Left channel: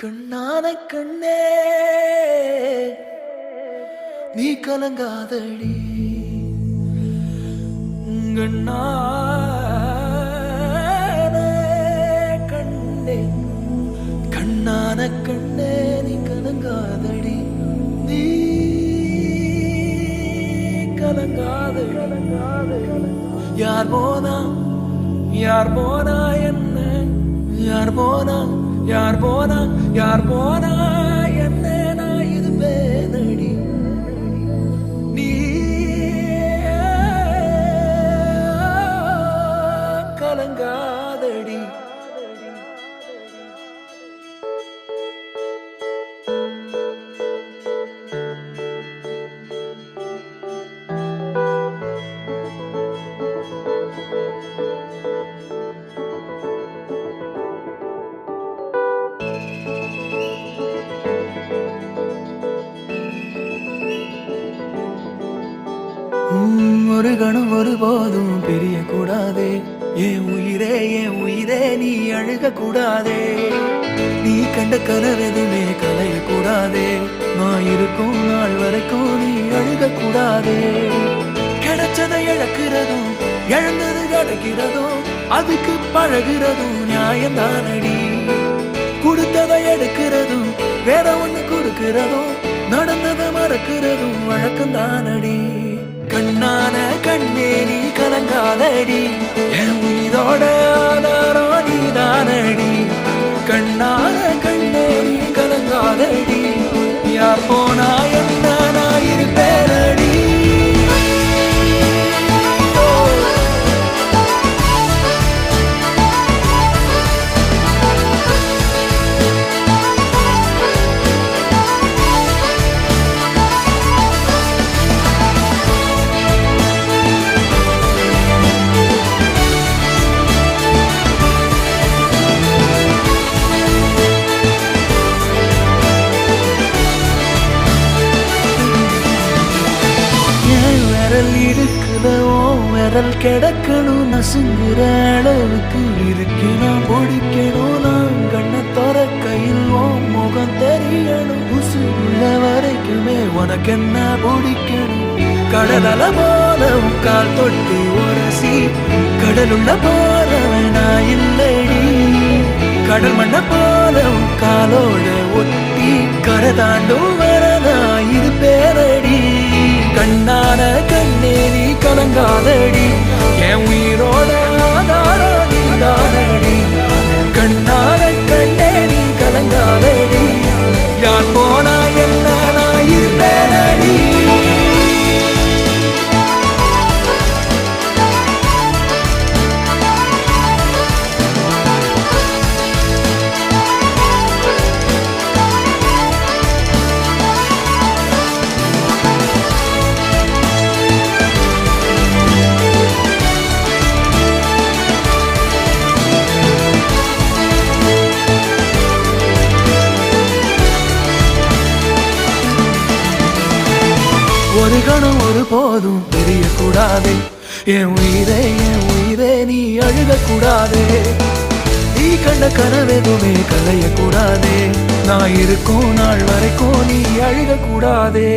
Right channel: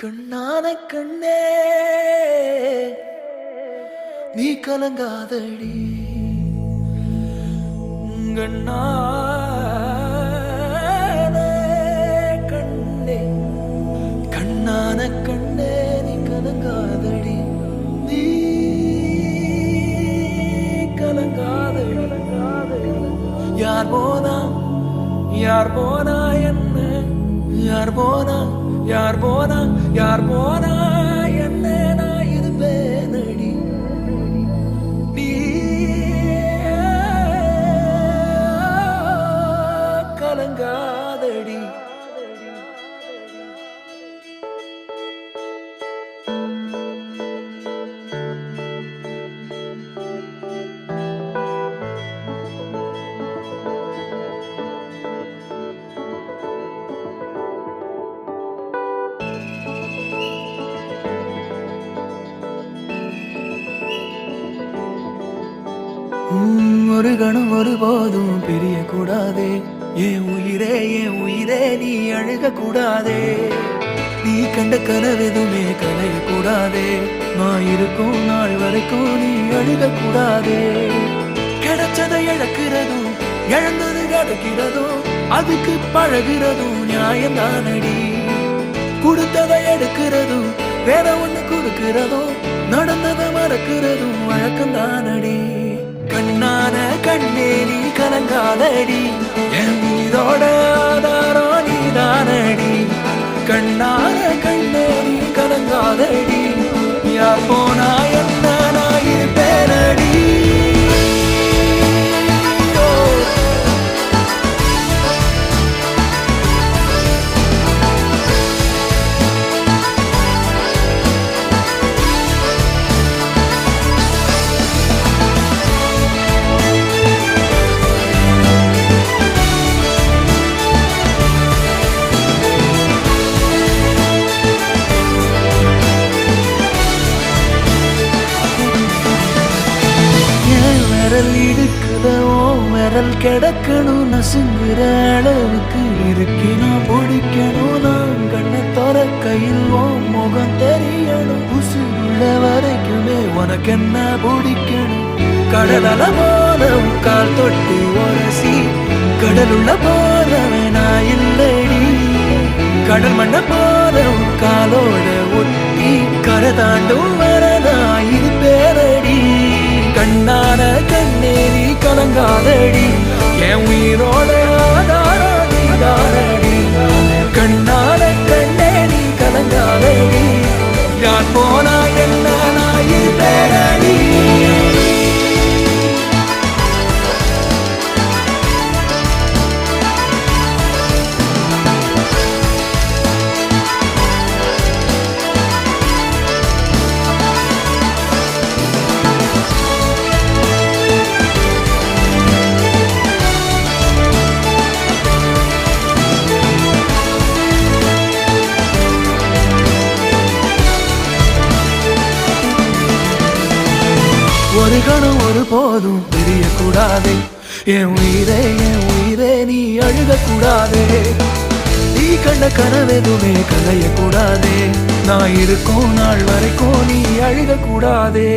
கண்ணான கண்ணே நீ கலங்காதடி கண்ணான கண்ணே கண்ணான கண்ணே நீ கலங்காதடி நீ கலங்காதடி யார் போனா என்ன யார் போனா என்ன நான் இருப்பேனடி நீ கலங்காதடி ஒரு கணம் ஒருபோதும் பிரிய கூடாதே என் உயிரே நீ அழுக கூடாதே நீ கண்ட கனவெதுமே கலைய கூடாதே நான் இருக்கும் நாள் வரைக்கும் நீ அழுக கூடாதே கிடைச்சதை இழக்கிறதும் இழந்தது கிடைக்கிறதும் அதுக்கு பழகிறதும் நியாயம்தானடி கொடுத்ததை எடுக்கிறதும் வேற ஒண்ணு கொடுக்கிறதும் நடந்ததை மறக்கிறதும் வழக்கம்தானடி கண்ணான கண்ணே நீ கலங்காதடி என் மீதோட ஆதாரம் நீதானடி கண்ணான கண்ணே நீ கலங்காதடி யார் போனா என்ன நான் இருப்பேனடி விரல் இடுக்குதோ விரல் கிடக்கணும் நசுங்குற அளவுக்கு இருக்கணும் பிடிக்கணும் நான் கண்ணை தோற கையில் ஓ முகம் தெரியணும் உசுள்ள வரைக்குமே உனக்கு என்ன பிடிக்கணும் கடலல போல கால் தொட்டு உரசி கடலுள்ள போறவனா இல்லடி கடல் மண்ண போல காலோட ஒட்டி கரை தாண்டும் வரனா இருப்பேனடி கண்ணான கண்ணே நீ கலங்காதடி என் உயிரோட ஆதாரம் நீதானடி கண்ணான கண்ணே நீ கலங்காதடி யார் போனா என்ன நான் இருப்பேனடி ஒரு கணம் ஒரு போதும் தெரிய கூடாதே என் உயிரே நீ அழுக கூடாதே நீ கண்ட கனவெதுமே கலைய கூடாதே நான் இருக்கும் நாள் வரைக்கும் நீ அழுக கூடாதே